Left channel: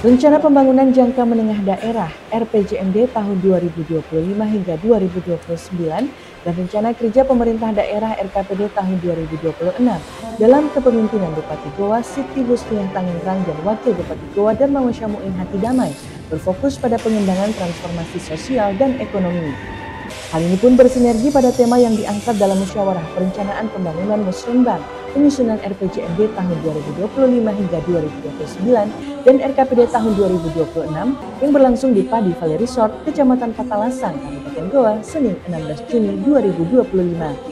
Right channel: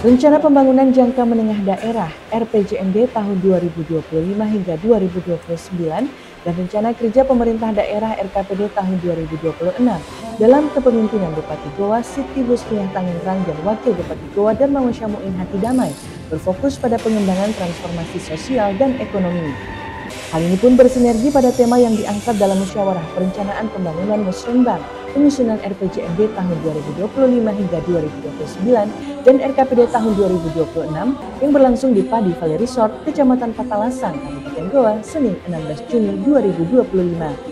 Rencana Pembangunan Jangka Menengah Daerah (RPJMD) tahun 2025 hingga 2029 dan Rencana Kerja Pemerintah Daerah (RKPD) tahun 2026 dalam kepemimpinan Bupati Goa Siti Husniah Tangerang dan Wakil Bupati Goa Darmawan Syahmuin Hati Damai berfokus pada pengembangan transformasi sosial dan ekonomi. Hal ini pun bersinergi pada tema yang diangkat dalam Musyawarah Perencanaan Pembangunan Musrenbang penyusunan RPJMD tahun 2025 hingga 2029 dan RKPD tahun 2026 yang berlangsung di Padi Valley Resort, Kecamatan Patalasang, Kabupaten Goa, Senin 16 Juni 2025.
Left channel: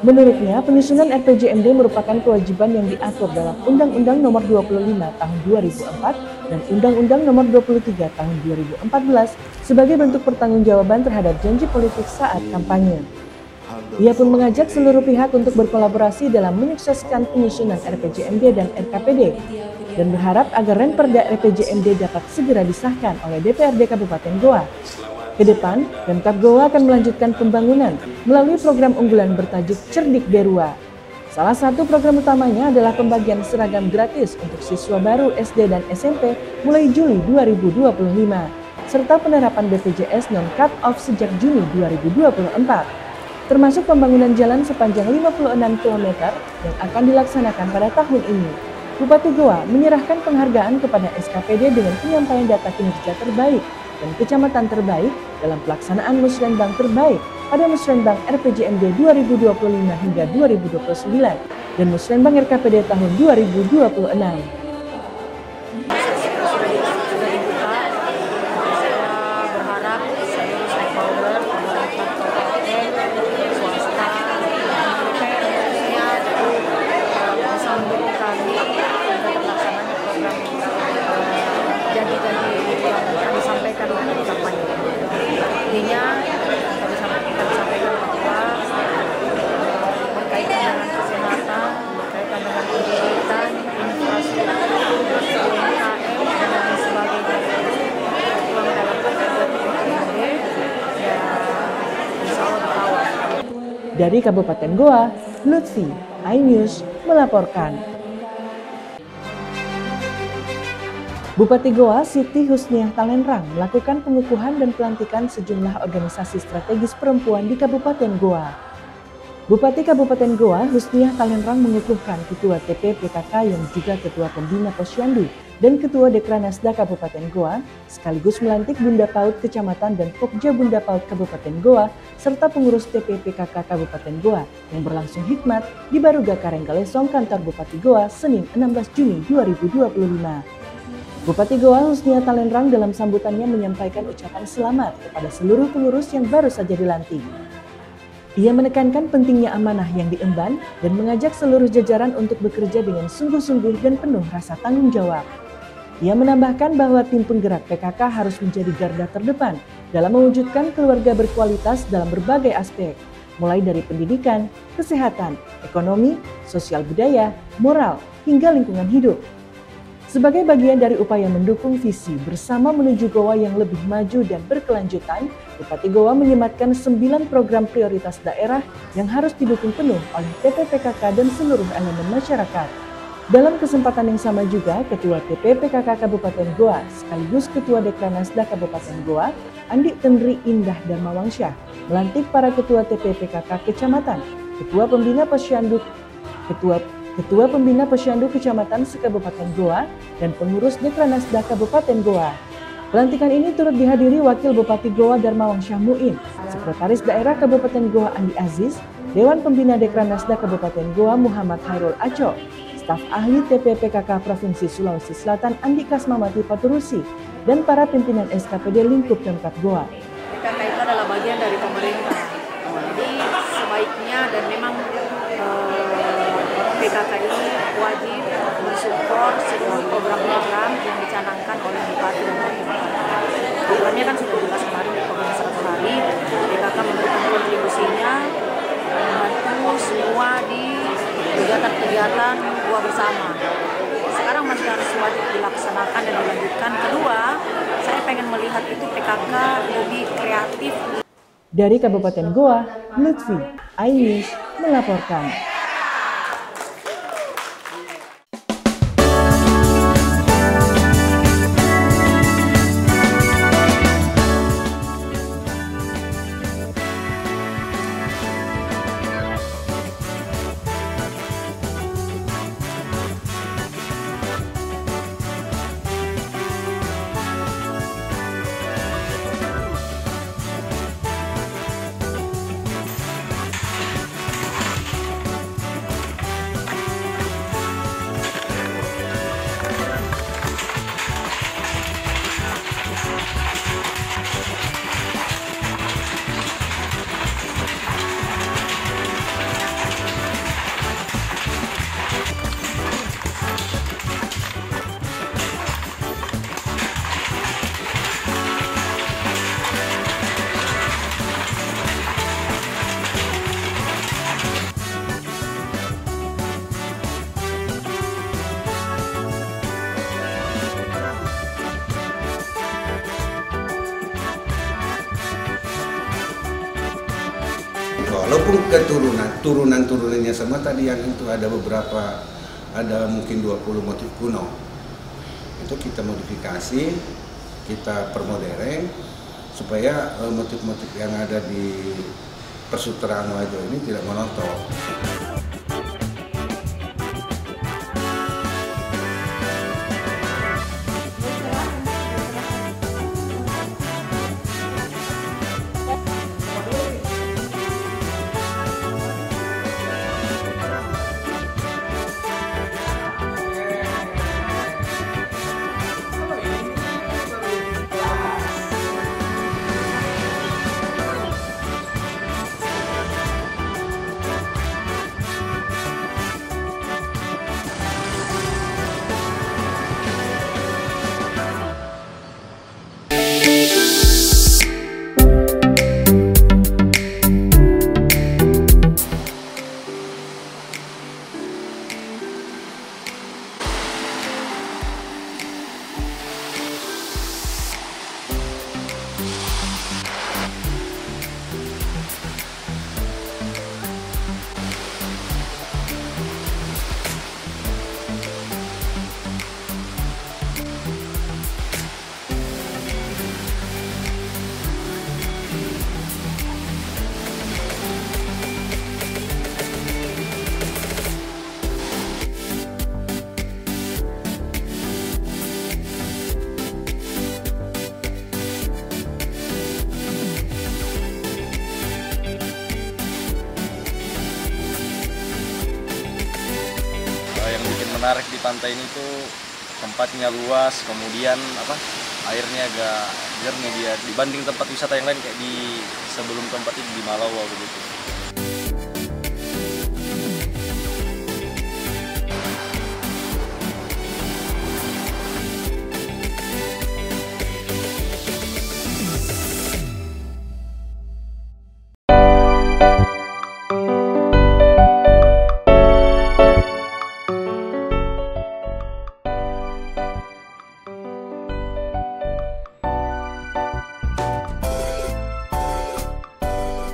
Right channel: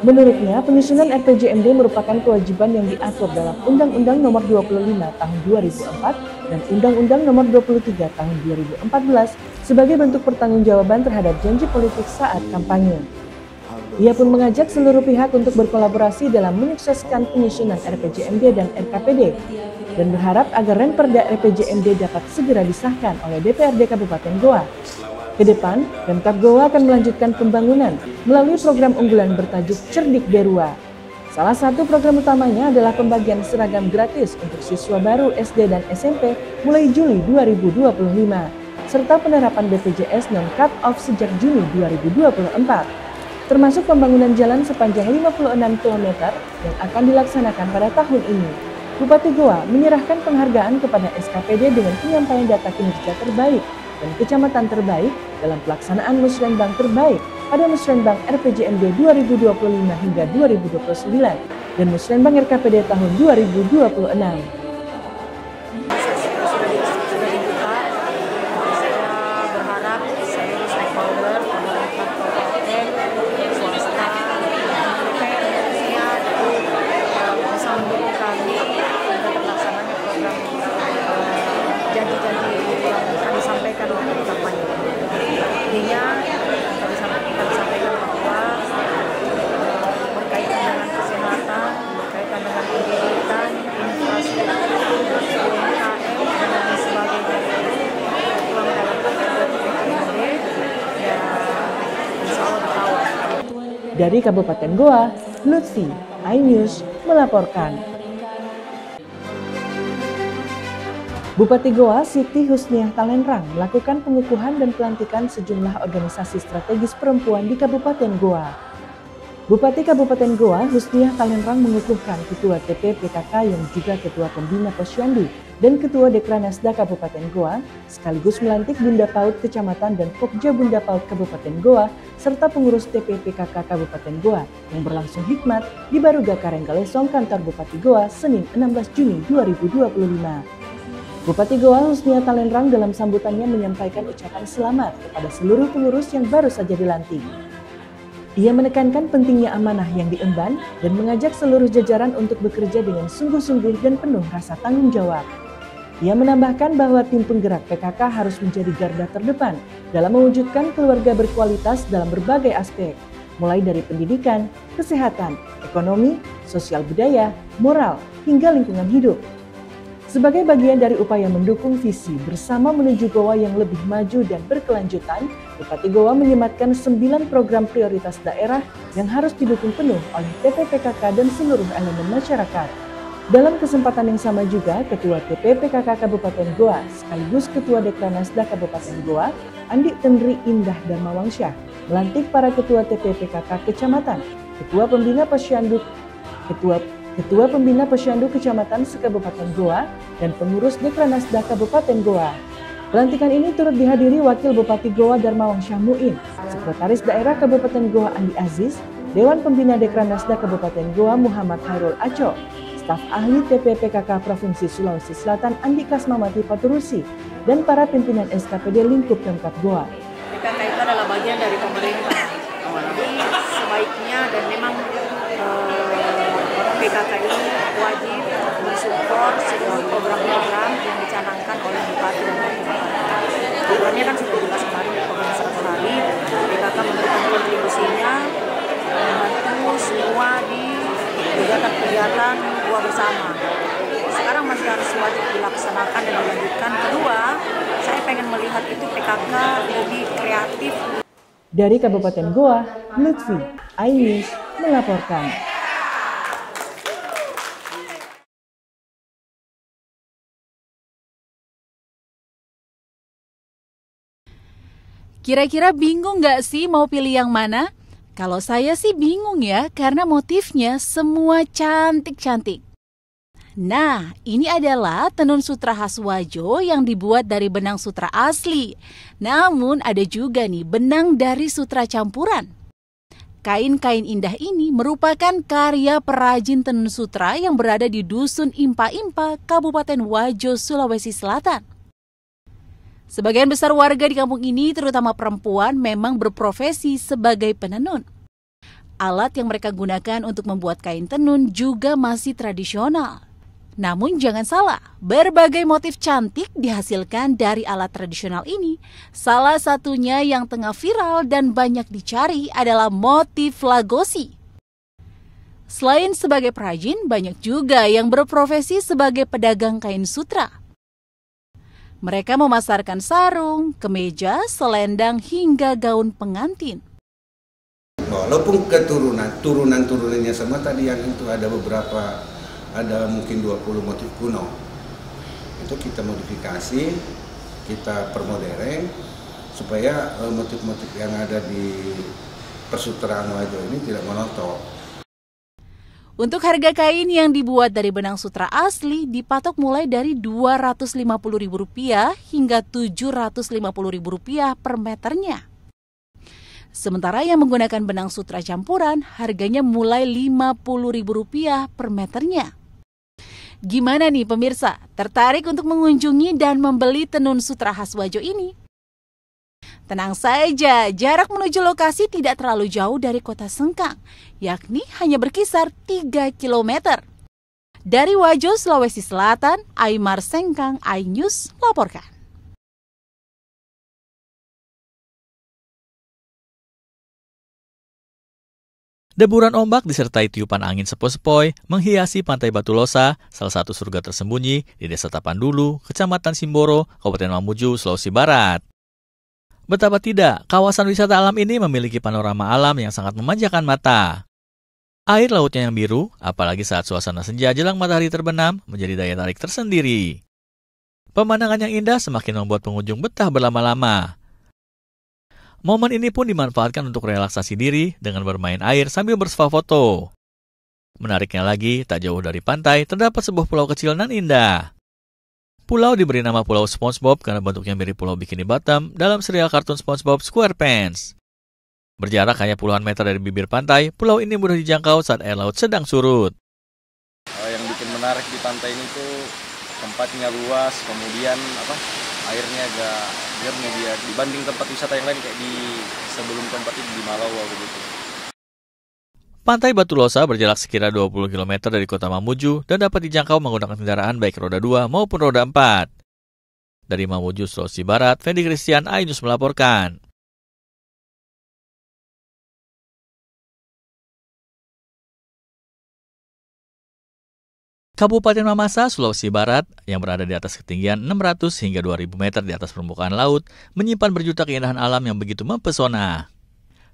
Menurutnya, penyusunan RPJMD merupakan kewajiban yang diatur dalam Undang-Undang Nomor 25 Tahun 2004 dan Undang-Undang Nomor 23 Tahun 2014 sebagai bentuk pertanggungjawaban terhadap janji politik saat kampanye. Ia pun mengajak seluruh pihak untuk berkolaborasi dalam menyukseskan penyusunan RPJMD dan RKPD dan berharap agar Renperda RPJMD dapat segera disahkan oleh DPRD Kabupaten Goa. Ke depan, Pemkab Goa akan melanjutkan pembangunan melalui program unggulan bertajuk Cerdik Berua. Salah satu program utamanya adalah pembagian seragam gratis untuk siswa baru SD dan SMP mulai Juli 2025, serta penerapan BPJS non-cut off sejak Juni 2024, termasuk pembangunan jalan sepanjang 56 km yang akan dilaksanakan pada tahun ini. Bupati Goa menyerahkan penghargaan kepada SKPD dengan penyampaian data kinerja terbaik dan kecamatan terbaik dalam pelaksanaan Musrenbang terbaik pada Musrenbang RPJMD 2025 hingga 2029 dan Musrenbang RKPD tahun 2026. Intinya kami sampaikan bahwa berkaitan dengan kesehatan, berkaitan dengan pendidikan, infrastruktur, UMKM dan lain sebagainya uang dalam RPJMD ya insya Allah dikawal. Dari Kabupaten Goa, Lutfi, iNews melaporkan. Bupati Goa Siti Husniah Tangerang melakukan pengukuhan dan pelantikan sejumlah organisasi strategis perempuan di Kabupaten Goa. Bupati Kabupaten Goa Husniah Tangerang mengukuhkan Ketua TP PKK yang juga Ketua Pembina Posyandu dan Ketua Dekranasda Kabupaten Goa, sekaligus melantik Bunda PAUD Kecamatan dan Pokja Bunda PAUD Kabupaten Goa, serta pengurus TP PKK Kabupaten Goa yang berlangsung hikmat di Baruga Karenggalesong kantor Bupati Goa Senin 16 Juni 2025. Bupati Goa Husniah Tangerang dalam sambutannya menyampaikan ucapan selamat kepada seluruh pengurus yang baru saja dilantik. Ia menekankan pentingnya amanah yang diemban dan mengajak seluruh jajaran untuk bekerja dengan sungguh-sungguh dan penuh rasa tanggung jawab. Ia menambahkan bahwa tim penggerak PKK harus menjadi garda terdepan dalam mewujudkan keluarga berkualitas dalam berbagai aspek, mulai dari pendidikan, kesehatan, ekonomi, sosial budaya, moral, hingga lingkungan hidup. Sebagai bagian dari upaya mendukung visi bersama menuju Goa yang lebih maju dan berkelanjutan, Bupati Goa menyematkan 9 program prioritas daerah yang harus didukung penuh oleh TP/PKK dan seluruh elemen masyarakat. Dalam kesempatan yang sama juga, Ketua TP/PKK Kabupaten Goa sekaligus Ketua Dekranasda Kabupaten Goa, Andi Tendri Indah Darmawangsyah, melantik para Ketua TP/PKK Kecamatan, Ketua Pembina Posyandu, Ketua Pembina Posyandu Kecamatan se-Kabupaten Goa, dan pengurus Dekranasda Kabupaten Goa. Pelantikan ini turut dihadiri Wakil Bupati Goa Darmawan Syahmuin, Sekretaris Daerah Kabupaten Goa Andi Aziz, Dewan Pembina Dekranasda Kabupaten Goa Muhammad Hairul Aco, staf ahli TP PKK Provinsi Sulawesi Selatan Andi Kasmamati Paturusi, dan para pimpinan SKPD lingkup Pemkab Goa. PKK itu adalah bagian dari pemerintah, jadi sebaiknya dan memang PKK ini wajib mensupport seluruh program-program yang dicanangkan oleh Bupati dan Wakil Bupati. Programnya kan sudah jelas kemarin di program 100 hari, PKK memberikan kontribusinya membantu semua di kegiatan-kegiatan Goa bersama. Sekarang masih harus wajib dilaksanakan dan dilanjutkan. Kedua, saya pengen melihat itu PKK lebih kreatif. Dari Kabupaten Goa, Lutfi, iNews melaporkan. Kira-kira bingung nggak sih mau pilih yang mana? Kalau saya sih bingung ya, karena motifnya semua cantik-cantik. Nah, ini adalah tenun sutra khas Wajo yang dibuat dari benang sutra asli. Namun ada juga nih benang dari sutra campuran. Kain-kain indah ini merupakan karya perajin tenun sutra yang berada di Dusun Impa-Impa, Kabupaten Wajo, Sulawesi Selatan. Sebagian besar warga di kampung ini, terutama perempuan, memang berprofesi sebagai penenun. Alat yang mereka gunakan untuk membuat kain tenun juga masih tradisional. Namun jangan salah, berbagai motif cantik dihasilkan dari alat tradisional ini. Salah satunya yang tengah viral dan banyak dicari adalah motif lagosi. Selain sebagai perajin, banyak juga yang berprofesi sebagai pedagang kain sutra. Mereka memasarkan sarung, kemeja, selendang, hingga gaun pengantin. Walaupun turunannya sama tadi yang itu ada beberapa, ada mungkin 20 motif kuno. Itu kita modifikasi, kita permodern, supaya motif-motif yang ada di persutraan Wajo ini tidak monoton. Untuk harga kain yang dibuat dari benang sutra asli dipatok mulai dari Rp250.000 hingga Rp750.000 per meternya. Sementara yang menggunakan benang sutra campuran harganya mulai Rp50.000 per meternya. Gimana nih pemirsa, tertarik untuk mengunjungi dan membeli tenun sutra khas Wajo ini? Tenang saja, jarak menuju lokasi tidak terlalu jauh dari kota Sengkang, yakni hanya berkisar 3 km. Dari Wajo, Sulawesi Selatan, Aymar Sengkang, iNews melaporkan. Deburan ombak disertai tiupan angin sepoi-sepoi menghiasi pantai Batu Losa, salah satu surga tersembunyi di Desa Tapandulu, Kecamatan Simboro, Kabupaten Mamuju, Sulawesi Barat. Betapa tidak, kawasan wisata alam ini memiliki panorama alam yang sangat memanjakan mata. Air lautnya yang biru, apalagi saat suasana senja jelang matahari terbenam, menjadi daya tarik tersendiri. Pemandangan yang indah semakin membuat pengunjung betah berlama-lama. Momen ini pun dimanfaatkan untuk relaksasi diri dengan bermain air sambil bersuah foto. Menariknya lagi, tak jauh dari pantai terdapat sebuah pulau kecil dan indah. Pulau diberi nama Pulau SpongeBob karena bentuknya mirip Pulau Bikini Bottom dalam serial kartun SpongeBob SquarePants. Berjarak hanya puluhan meter dari bibir pantai, pulau ini mudah dijangkau saat air laut sedang surut. Yang bikin menarik di pantai ini tuh tempatnya luas, kemudian airnya agak jernih dia dibanding tempat wisata yang lain kayak di sebelum tempat ini di Malawa begitu. Pantai Batu Losa berjarak sekira 20 km dari kota Mamuju dan dapat dijangkau menggunakan kendaraan baik roda 2 maupun roda 4. Dari Mamuju, Sulawesi Barat, Fendi Christian, iNews melaporkan. Kabupaten Mamasa, Sulawesi Barat, yang berada di atas ketinggian 600 hingga 2000 meter di atas permukaan laut, menyimpan berjuta keindahan alam yang begitu mempesona.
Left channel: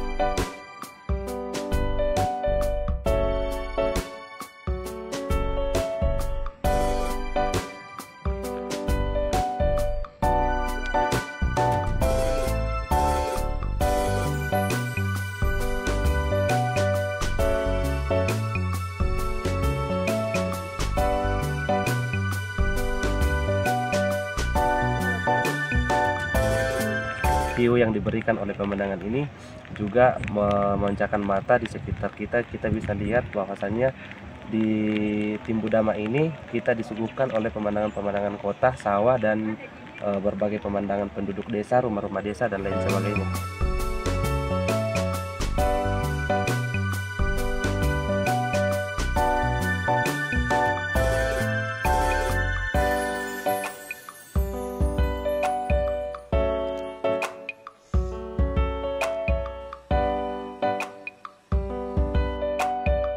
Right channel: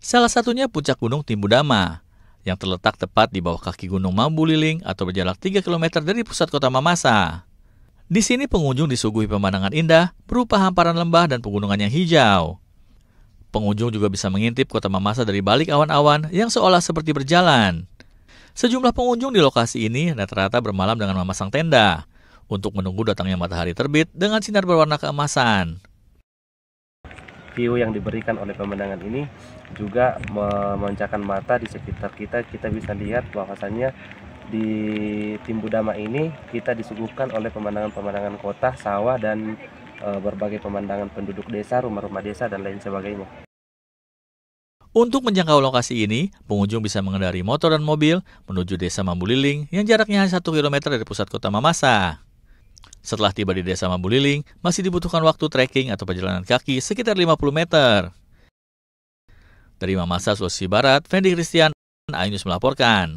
Salah satunya puncak Gunung Timbudama, yang terletak tepat di bawah kaki Gunung Mambuliling atau berjarak 3 km dari pusat kota Mamasa. Di sini pengunjung disuguhi pemandangan indah berupa hamparan lembah dan pegunungan yang hijau. Pengunjung juga bisa mengintip kota Mamasa dari balik awan-awan yang seolah seperti berjalan. Sejumlah pengunjung di lokasi ini rata-rata bermalam dengan memasang tenda untuk menunggu datangnya matahari terbit dengan sinar berwarna keemasan. View yang diberikan oleh pemandangan ini juga memanjakan mata di sekitar kita. Kita bisa lihat bahwasannya di Timbudama ini kita disuguhkan oleh pemandangan-pemandangan kota, sawah, dan berbagai pemandangan penduduk desa, rumah-rumah desa, dan lain sebagainya. Untuk menjangkau lokasi ini, pengunjung bisa mengendari motor dan mobil menuju Desa Mambuliling yang jaraknya hanya 1 km dari pusat kota Mamasa. Setelah tiba di Desa Mambuliling, masih dibutuhkan waktu trekking atau perjalanan kaki sekitar 50 meter. Dari Mamasa, Sulawesi Barat, Fendi Christian, iNews melaporkan.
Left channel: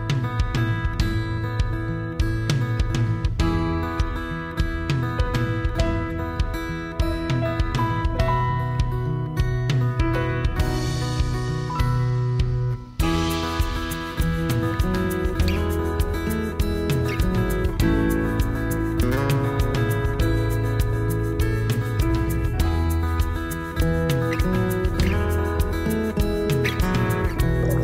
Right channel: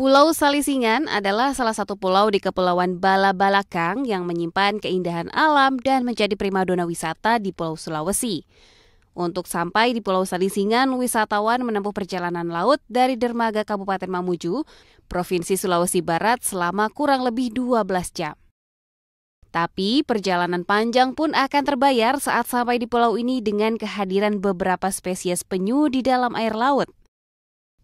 Pulau Salisingan adalah salah satu pulau di Kepulauan Bala-Balakang yang menyimpan keindahan alam dan menjadi primadona wisata di Pulau Sulawesi. Untuk sampai di Pulau Salisingan, wisatawan menempuh perjalanan laut dari dermaga Kabupaten Mamuju, Provinsi Sulawesi Barat selama kurang lebih 12 jam. Tapi perjalanan panjang pun akan terbayar saat sampai di pulau ini dengan kehadiran beberapa spesies penyu di dalam air laut.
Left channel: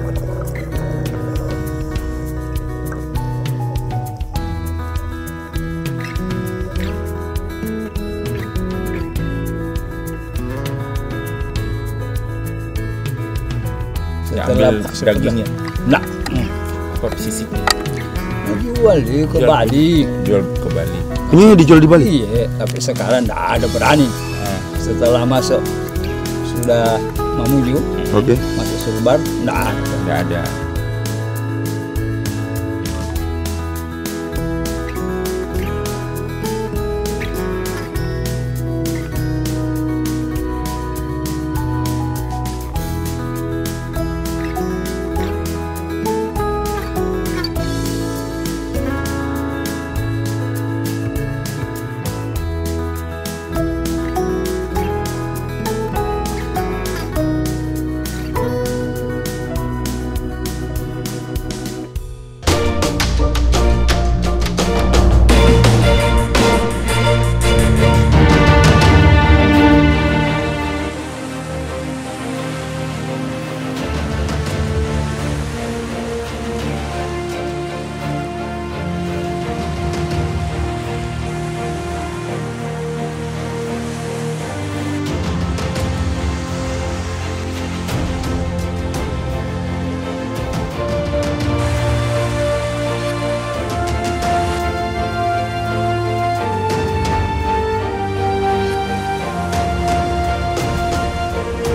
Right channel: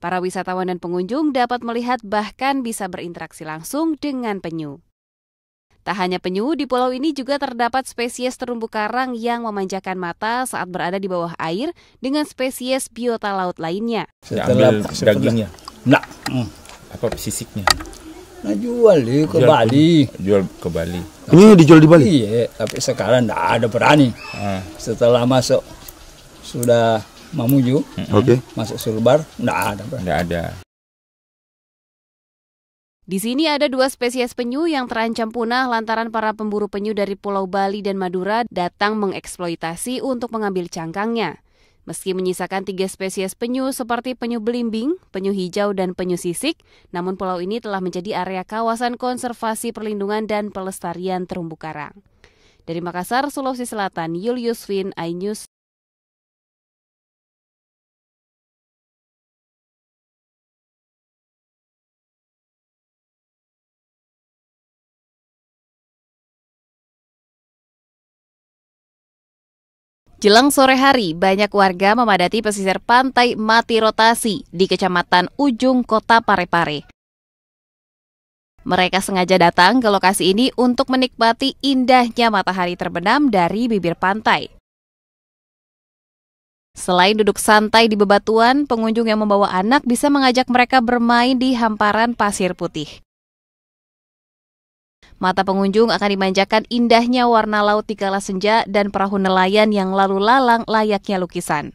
Para wisatawan dan pengunjung dapat melihat bahkan bisa berinteraksi langsung dengan penyu. Tak hanya penyu, di pulau ini juga terdapat spesies terumbu karang yang memanjakan mata saat berada di bawah air dengan spesies biota laut lainnya. Setelah dagingnya, apa sisiknya? Nah, jual ke Bali. Jual ke Bali. Ini dijual di Bali? Iya, tapi sekarang tidak ada berani. Setelah masuk sudah Mamuju, masuk Sulbar, tidak ada. Di sini ada 2 spesies penyu yang terancam punah lantaran para pemburu penyu dari Pulau Bali dan Madura datang mengeksploitasi untuk mengambil cangkangnya. Meski menyisakan 3 spesies penyu seperti penyu belimbing, penyu hijau, dan penyu sisik, namun pulau ini telah menjadi area kawasan konservasi perlindungan dan pelestarian terumbu karang. Dari Makassar, Sulawesi Selatan, Julius Win, iNews. Jelang sore hari, banyak warga memadati pesisir pantai Mati Rotasi di Kecamatan Ujung, Kota Parepare. Mereka sengaja datang ke lokasi ini untuk menikmati indahnya matahari terbenam dari bibir pantai. Selain duduk santai di bebatuan, pengunjung yang membawa anak bisa mengajak mereka bermain di hamparan pasir putih. Mata pengunjung akan dimanjakan indahnya warna laut di kala senja dan perahu nelayan yang lalu lalang layaknya lukisan.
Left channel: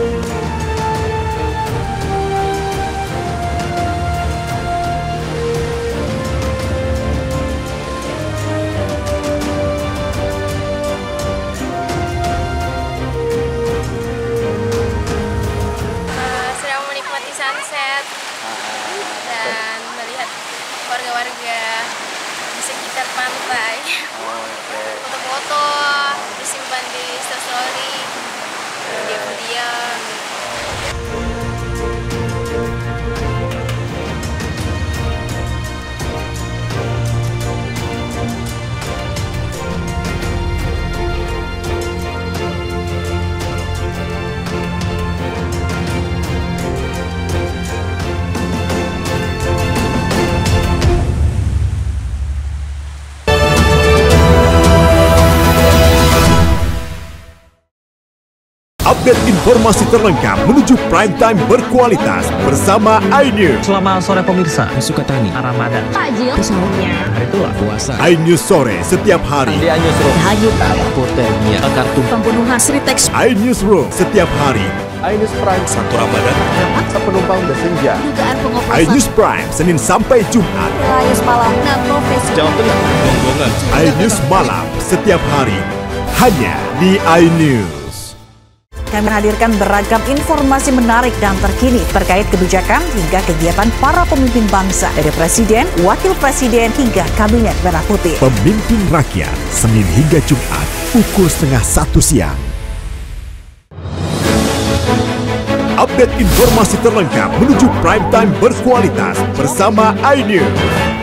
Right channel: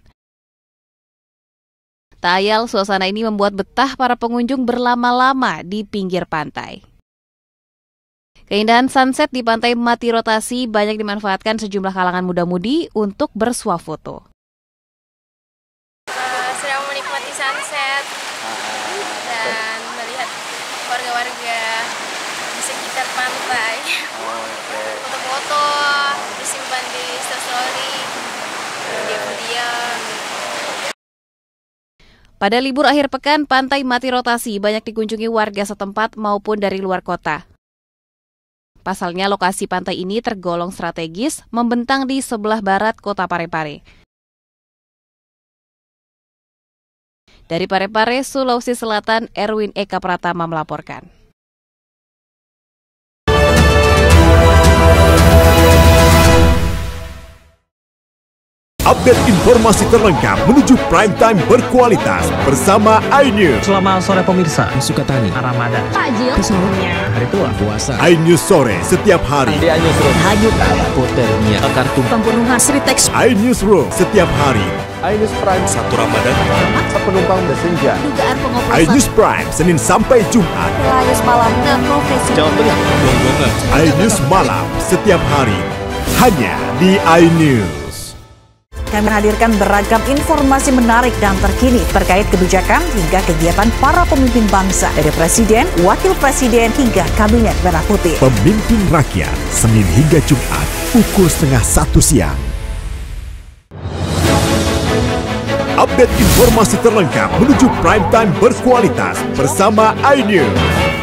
Tak ayal, suasana ini membuat betah para pengunjung berlama-lama di pinggir pantai. Keindahan sunset di pantai Mati Rotasi banyak dimanfaatkan sejumlah kalangan muda-mudi untuk bersuah foto. Sedang menikmati sunset dan melihat warga-warga di sekitar pantai. Foto-foto disimpan di story, video-video. Pada libur akhir pekan, pantai Mati Rotasi banyak dikunjungi warga setempat maupun dari luar kota. Pasalnya lokasi pantai ini tergolong strategis, membentang di sebelah barat kota Parepare. Dari Parepare, Sulawesi Selatan, Erwin Eka Pratama melaporkan. Update informasi terlengkap menuju prime time berkualitas bersama iNews. Selamat sore pemirsa, Sukatani, Ramadan, Takjil, sahurnya, hari tua, puasa. iNews sore setiap hari. Di iNews Room, hanyut, hipotermia, kartu, pembunuhan, Sritex. iNews Room setiap hari. iNews Prime 1 Ramadan, penumpang bersenja. Dugaan pengoplosan. iNews Prime Senin sampai Jumat. iNews malam 6 profesi. Jawa Tengah, Gonggongan. iNews malam setiap hari hanya di iNews. Kami menghadirkan beragam informasi menarik dan terkini terkait kebijakan hingga kegiatan para pemimpin bangsa dari Presiden, Wakil Presiden hingga Kabinet Merah Putih. Pemimpin Rakyat, Senin hingga Jumat, pukul 12:30 siang. Update informasi terlengkap menuju prime time berkualitas bersama iNews.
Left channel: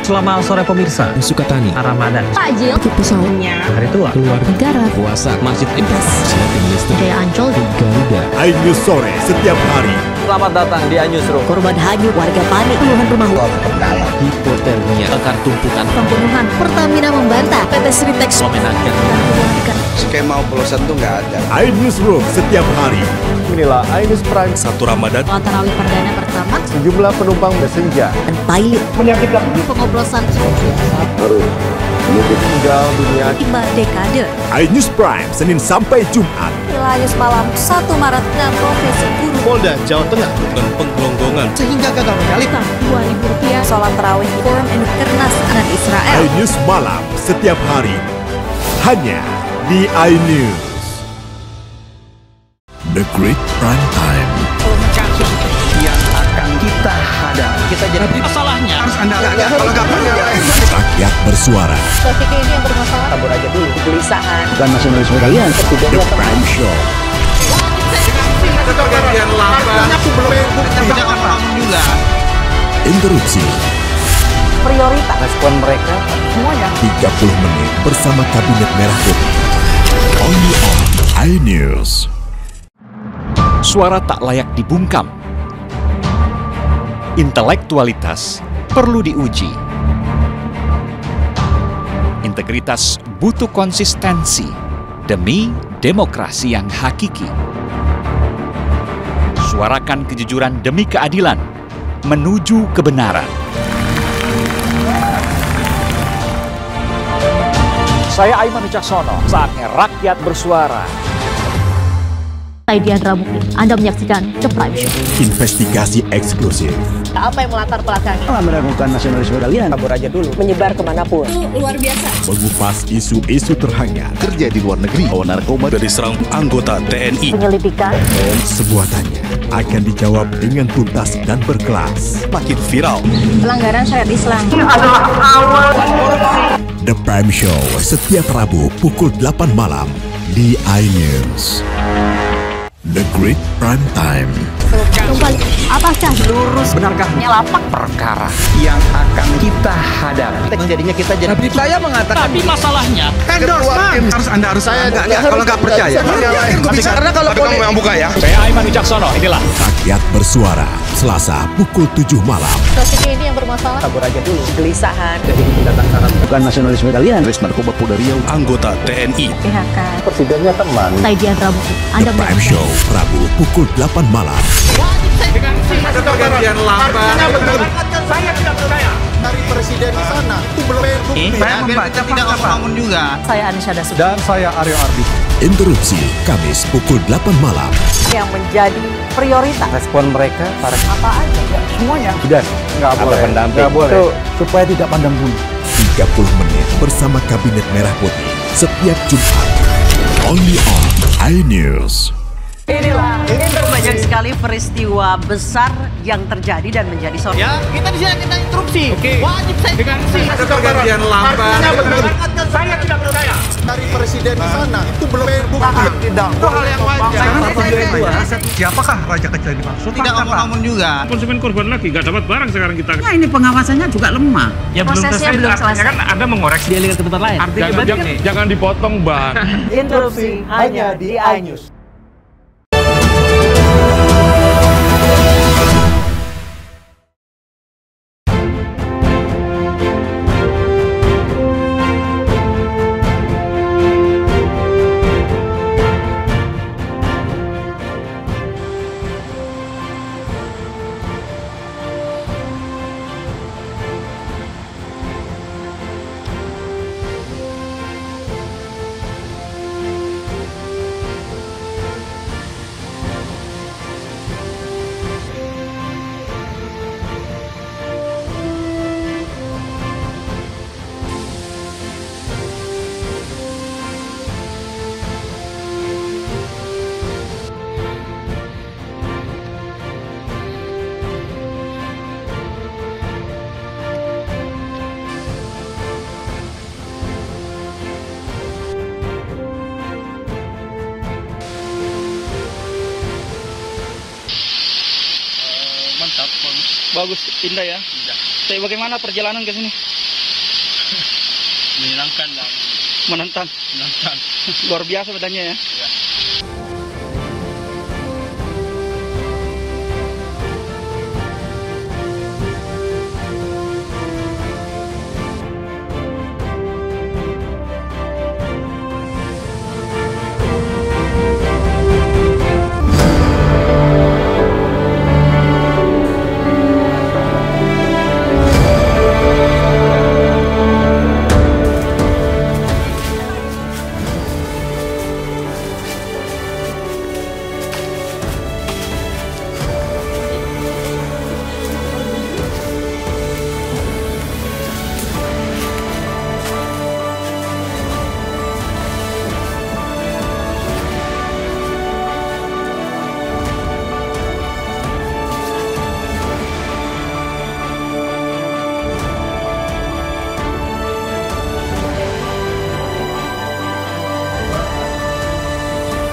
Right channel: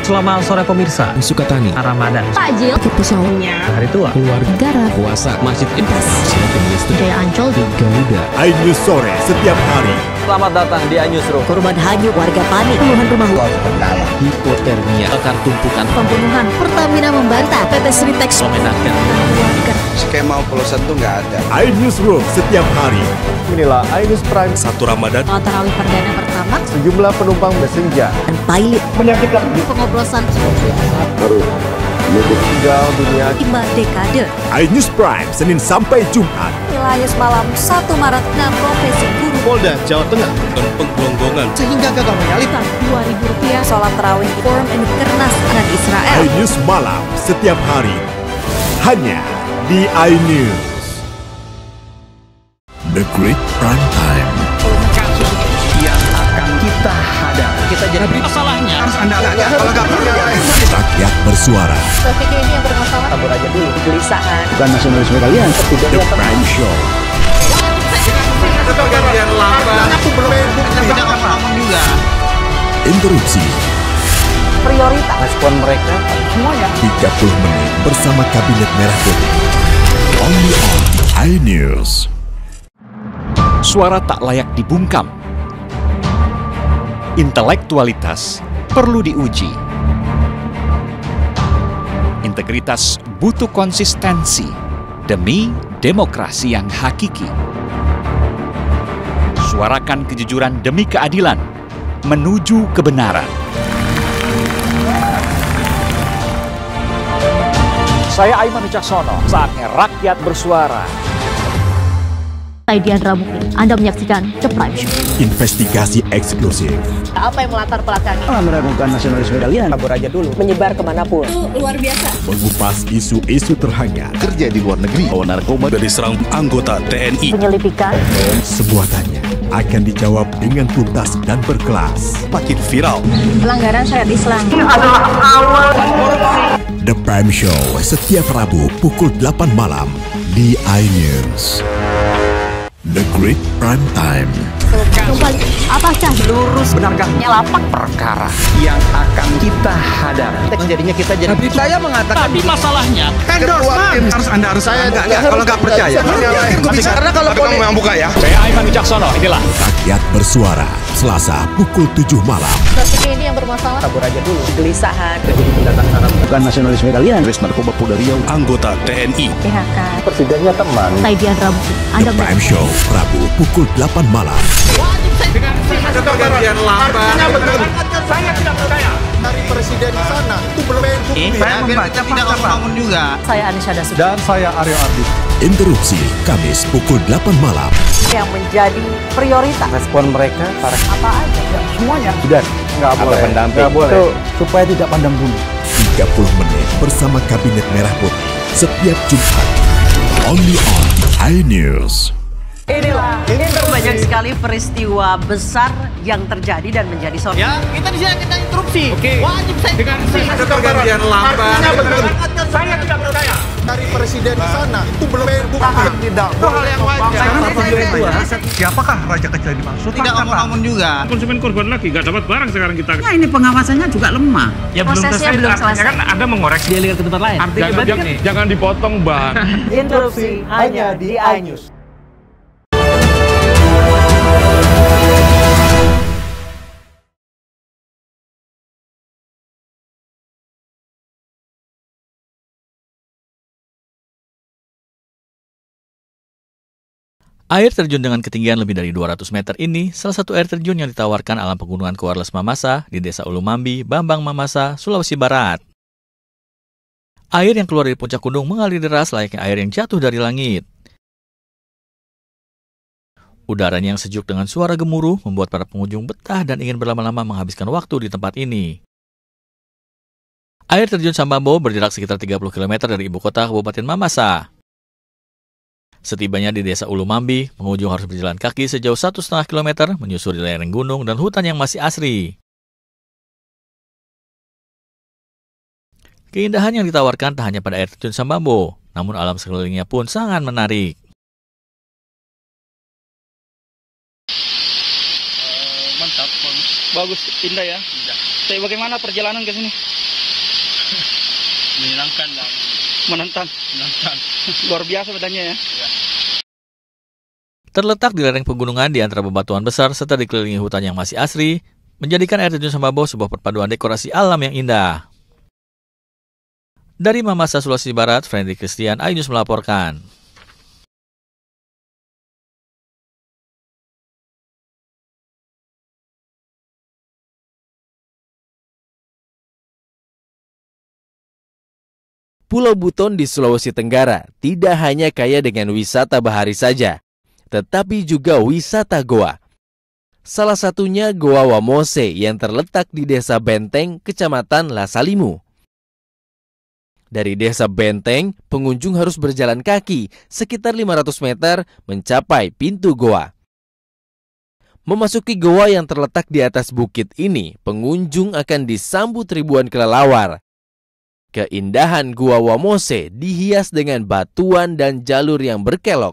Selamat sore pemirsa, Sukatani, Ramadan, Takjil, sahurnya, hari tua, keluarga, negara, puasa, masjid, silatin listrik, Jaya Ancol, Garuda. iNews sore setiap hari. Selamat datang di iNews Room. Korban hanyut, warga panik, puluhan rumah Hipotermia, akar tumpukan, pembunuhan, Pertamina membantah, PT Sritex memenangkan warga. Skema oplosan tuh nggak ada. iNews Room setiap hari. Inilah iNews Prime 1 Ramadan. Sholat tarawih perdana pertama, sejumlah penumpang bersenja. dan pilot menyakitkan pengoplosan Baru meninggal dunia 5 dekade. iNews Prime Senin sampai Jumat. iNews malam 1 Maret 6 profesi guru. Polda Jawa Tengah dan penggelonggongan Sehingga gagal menyalipkan Rp2.000 sholat tarawih Forum Kernas anak Israel. iNews malam setiap hari hanya di iNews. The Great Prime Time. Kasus yang akan kita hadapi. Kita jadi masalahnya harus Anda kalau nggak punya Rakyat bersuara. Topik ini yang bermasalah. tabur aja dulu. Kegelisahan. Bukan nasionalisme kalian. The Prime Show. Ada pergantian lambat. Aku belum tidak ngomong juga. Interupsi. Prioritas. Respon mereka semuanya. 30 menit bersama Kabinet Merah Putih. Only on iNews. Suara tak layak dibungkam. Intelektualitas perlu diuji. Integritas butuh konsistensi demi demokrasi yang hakiki. Suarakan kejujuran demi keadilan menuju kebenaran. Saya Aiman Wicaksono, saatnya rakyat bersuara. Saya Diandra Mukti, Anda menyaksikan The Prime Show. Investigasi eksklusif. Apa yang melatar belakangi? Meragukan nasionalisme kalian. Kabur aja dulu. Menyebar kemanapun. Luar biasa. Mengupas isu-isu terhangat. Kerja di luar negeri, bawa narkoba dari serang anggota TNI. Penyelidikan. Semua tanya akan dijawab dengan tuntas dan berkelas. Makin viral. Pelanggaran syariat Islam. The Prime Show setiap Rabu pukul 8 malam di iNews. The Great Prime Time. Kembali, apakah Lurus benarkah nyelapak perkara yang akan kita hadapi? Jadinya kita jadi. Tapi saya mengatakan. Tapi masalahnya Endorsement harus Anda harus saya nggak kalau nggak percaya. Karena kalau Tapi kamu memang buka ya. Saya Aiman Wicaksono, inilah Rakyat Bersuara, Selasa pukul 7 malam. strategi ini yang bermasalah? Kabur aja dulu. Kegelisahan. bukan nasionalisme kalian. Res narkoba Polda Riau, anggota TNI. PHK. Presidennya teman. Saya Diandra Mukti, Anda The Prime Show, Rabu pukul 8 malam. Ada pergantian lambat. Saya tidak percaya. Dari presiden di sana itu belum bukti. Saya membaca tidak ngomong juga. Saya Anisha Dasuki. Dan saya Aryo Ardi. Interupsi Kamis pukul 8 malam. Yang menjadi prioritas. Respon mereka para Apa aja? Ya, semuanya. sudah Nggak ada boleh. pendamping. Nggak boleh. Itu supaya tidak pandang bulu. 30 menit bersama Kabinet Merah Putih setiap Jumat. Only on iNews. Inilah banyak sekali peristiwa besar yang terjadi dan menjadi sorotan. ya kita di sini kita interupsi. Wajib saya dengan Ada pergantian lambat. Saya tidak percaya. Dari presiden di sana itu belum bukti. Tidak. itu hal yang wajar. Siapakah raja kecil yang dimaksud? Tidak ngomong juga. Konsumen korban lagi, nggak dapat barang sekarang kita. Nah, ini pengawasannya juga lemah. Ya Prosesnya belum selesai. Kan Anda mengoreksi. Dialihkan ke tempat lain. Jangan dipotong, Bang. Interupsi hanya di iNews. Air terjun dengan ketinggian lebih dari 200 meter ini salah satu air terjun yang ditawarkan alam pegunungan Kuarles Mamasa di Desa Ulu Mambi, Bambang Mamasa, Sulawesi Barat. Air yang keluar dari puncak gunung mengalir deras layaknya air yang jatuh dari langit. Udaranya yang sejuk dengan suara gemuruh membuat para pengunjung betah dan ingin berlama-lama menghabiskan waktu di tempat ini. Air terjun Sambambo berjarak sekitar 30 km dari ibu kota Kabupaten Mamasa. Setibanya di Desa Ulu Mambi, pengunjung harus berjalan kaki sejauh 1,5 km menyusuri lereng gunung dan hutan yang masih asri. Keindahan yang ditawarkan tak hanya pada air terjun Sambambo, namun alam sekelilingnya pun sangat menarik. Mantap, bagus, indah ya. Tapi bagaimana perjalanan ke sini? Menyenangkan dan Menantang. Luar biasa bedanya ya. Terletak di lereng pegunungan di antara bebatuan besar serta dikelilingi hutan yang masih asri, menjadikan air terjun Sambambo sebuah perpaduan dekorasi alam yang indah. Dari Mamasa, Sulawesi Barat, Friendly Christian, iNews melaporkan. Pulau Buton di Sulawesi Tenggara tidak hanya kaya dengan wisata bahari saja, tetapi juga wisata goa. Salah satunya Goa Wamose yang terletak di Desa Benteng, Kecamatan Lasalimu. Dari Desa Benteng, pengunjung harus berjalan kaki sekitar 500 meter mencapai pintu goa. Memasuki goa yang terletak di atas bukit ini, pengunjung akan disambut ribuan kelelawar. Keindahan Goa Wamose dihias dengan batuan dan jalur yang berkelok.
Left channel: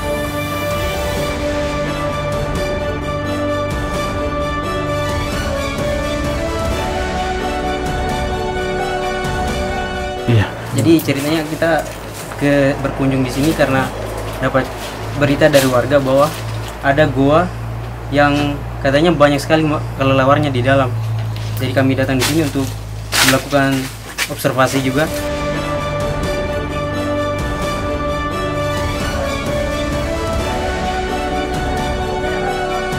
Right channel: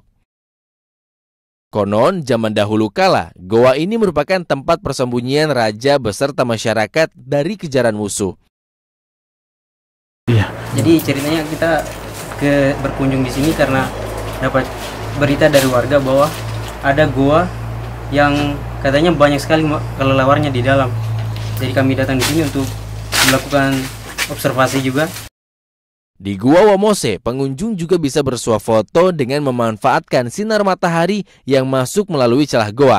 Konon, zaman dahulu kala, goa ini merupakan tempat persembunyian raja beserta masyarakat dari kejaran musuh. Iya. Jadi ceritanya kita berkunjung di sini karena dapat berita dari warga bahwa ada goa yang katanya banyak sekali kelelewarnya di dalam. Jadi kami datang di sini untuk melakukan observasi juga. Di Gua Wamose, pengunjung juga bisa bersuah foto dengan memanfaatkan sinar matahari yang masuk melalui celah goa.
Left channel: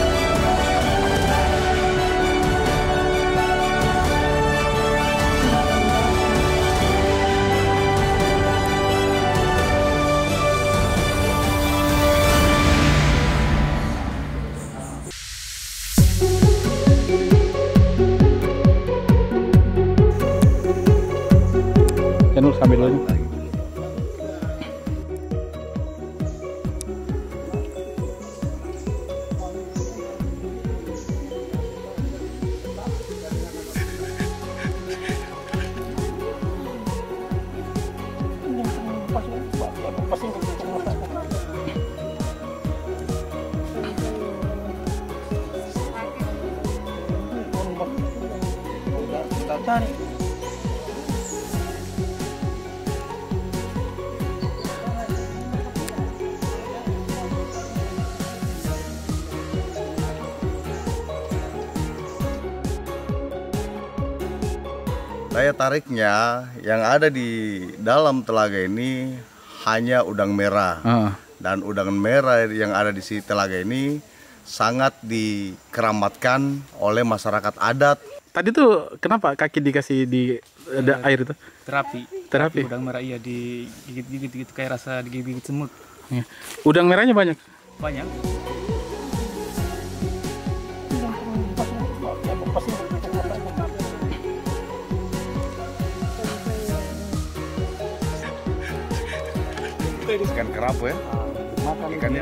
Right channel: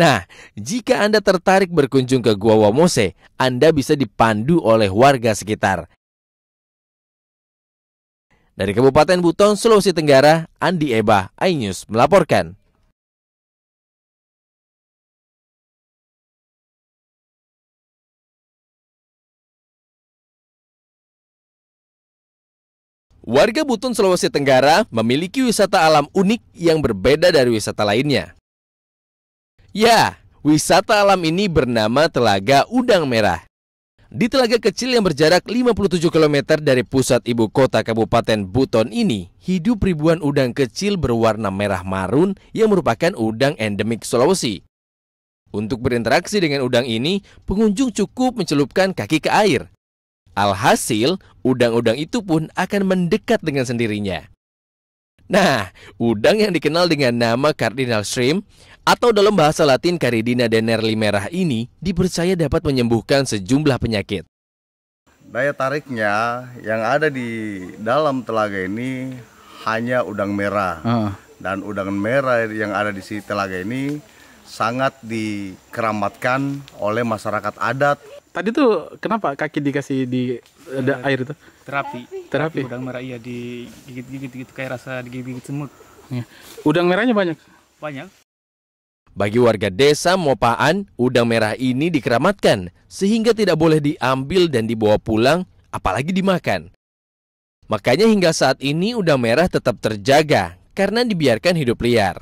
Nah, jika Anda tertarik berkunjung ke Gua Wamose, Anda bisa dipandu oleh warga sekitar. Dari Kabupaten Buton, Sulawesi Tenggara, Andi Eba, iNews melaporkan. Warga Buton, Sulawesi Tenggara memiliki wisata alam unik yang berbeda dari wisata lainnya. Ya, wisata alam ini bernama Telaga Udang Merah. Di telaga kecil yang berjarak 57 km dari pusat ibu kota Kabupaten Buton ini, hidup ribuan udang kecil berwarna merah marun yang merupakan udang endemik Sulawesi. Untuk berinteraksi dengan udang ini, pengunjung cukup mencelupkan kaki ke air. Alhasil, udang-udang itu pun akan mendekat dengan sendirinya. Nah, udang yang dikenal dengan nama Cardinal Shrimp atau dalam bahasa Latin Caridina denerli merah ini dipercaya dapat menyembuhkan sejumlah penyakit. Daya tariknya yang ada di dalam telaga ini hanya udang merah. Dan udang merah yang ada di telaga ini sangat dikeramatkan oleh masyarakat adat. Tadi tuh kenapa kaki dikasih di air itu? Terapi. Udang merah iya digigit-gigit gitu kayak rasa digigit semut. Udang merahnya banyak? Banyak. Bagi warga desa Mopaan, udang merah ini dikeramatkan sehingga tidak boleh diambil dan dibawa pulang, apalagi dimakan. Makanya hingga saat ini udang merah tetap terjaga karena dibiarkan hidup liar.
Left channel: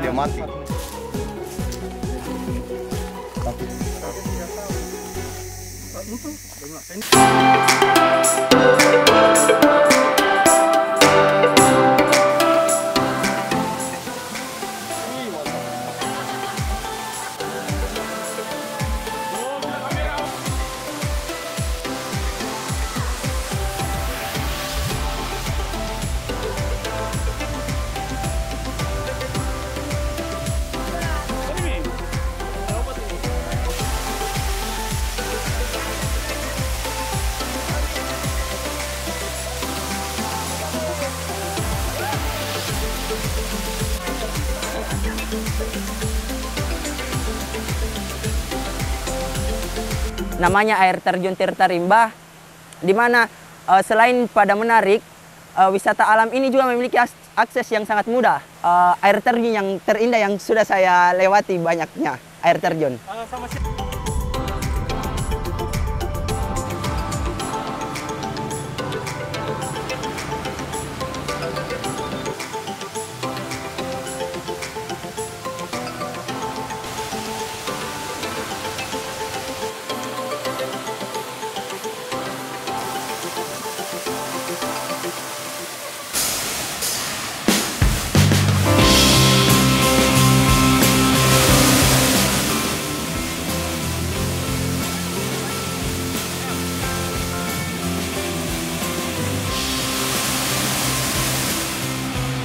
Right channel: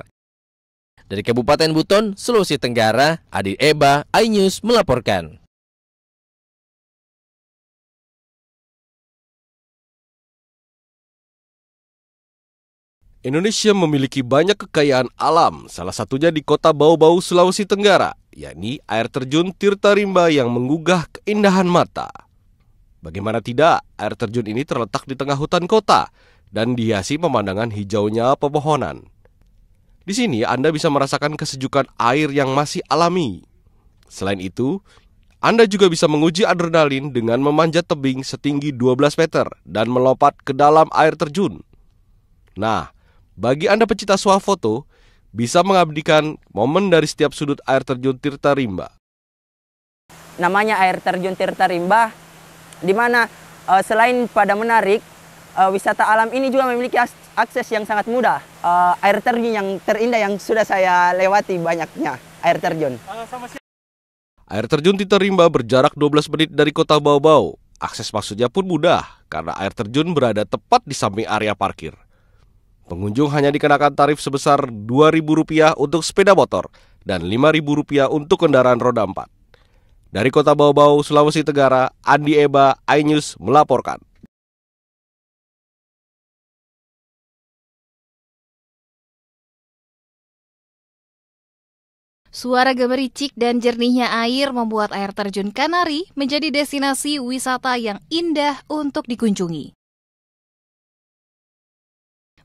Dari Kabupaten Buton, Sulawesi Tenggara, Adi Eba, iNews melaporkan. Indonesia memiliki banyak kekayaan alam, salah satunya di Kota Bau-Bau, Sulawesi Tenggara, yakni air terjun Tirta Rimba yang menggugah keindahan mata. Bagaimana tidak, air terjun ini terletak di tengah hutan kota dan dihiasi pemandangan hijaunya pepohonan. Di sini Anda bisa merasakan kesejukan air yang masih alami. Selain itu, Anda juga bisa menguji adrenalin dengan memanjat tebing setinggi 12 meter dan melompat ke dalam air terjun. Nah, bagi Anda pecinta swafoto, bisa mengabadikan momen dari setiap sudut air terjun Tirta Rimba. Namanya air terjun Tirta Rimba, di mana selain pada menarik, wisata alam ini juga memiliki akses yang sangat mudah. Air terjun yang terindah yang sudah saya lewati banyaknya, air terjun. Air terjun Tirta Rimba berjarak 12 menit dari Kota Bau-Bau. Akses masuknya pun mudah, karena air terjun berada tepat di samping area parkir. Pengunjung hanya dikenakan tarif sebesar Rp2.000 untuk sepeda motor dan Rp5.000 untuk kendaraan roda 4. Dari Kota Bau-Bau, Sulawesi Tenggara, Andi Eba, iNews melaporkan. Suara gemericik dan jernihnya air membuat air terjun Kanari menjadi destinasi wisata yang indah untuk dikunjungi.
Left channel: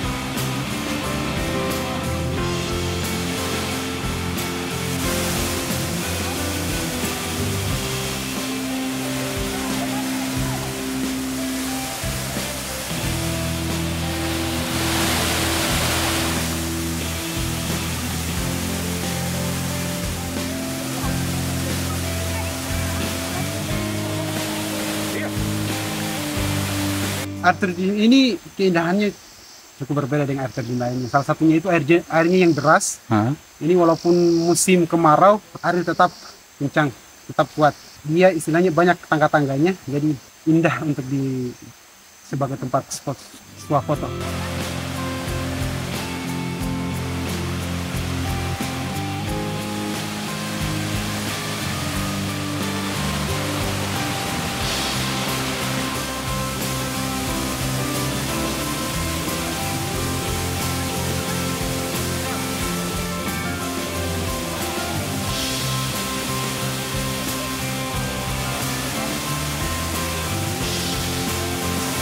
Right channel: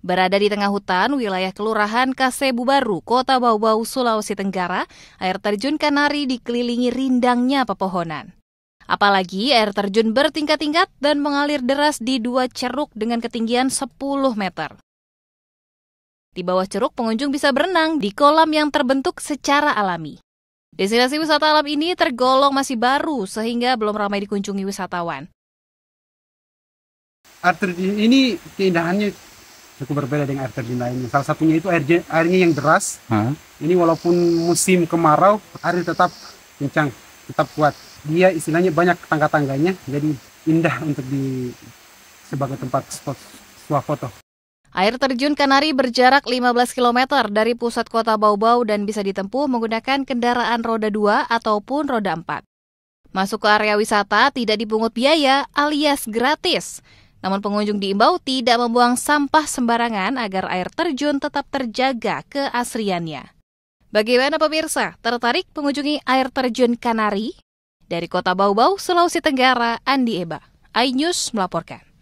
Berada di tengah hutan, wilayah Kelurahan Kasebu Baru, Kota Bau-Bau, Sulawesi Tenggara, air terjun Kanari dikelilingi rindangnya pepohonan. Apalagi air terjun bertingkat-tingkat dan mengalir deras di 2 ceruk dengan ketinggian 10 meter. Di bawah ceruk, pengunjung bisa berenang di kolam yang terbentuk secara alami. Destinasi wisata alam ini tergolong masih baru sehingga belum ramai dikunjungi wisatawan. Air terjun ini keindahannya cukup berbeda dengan air terjun lainnya. Salah satunya itu airnya yang deras. Ini walaupun musim kemarau, air tetap kencang, tetap kuat. Dia istilahnya banyak tangga-tangganya, jadi indah untuk sebagai tempat spot swafoto. Air terjun Kanari berjarak 15 km dari pusat Kota Bau-Bau dan bisa ditempuh menggunakan kendaraan roda 2 ataupun roda 4. Masuk ke area wisata tidak dipungut biaya alias gratis. Namun pengunjung diimbau tidak membuang sampah sembarangan agar air terjun tetap terjaga keasliannya. Bagaimana pemirsa? Tertarik mengunjungi air terjun Kanari? Dari Kota Bau-Bau, Sulawesi Tenggara, Andi Ebang, iNews melaporkan.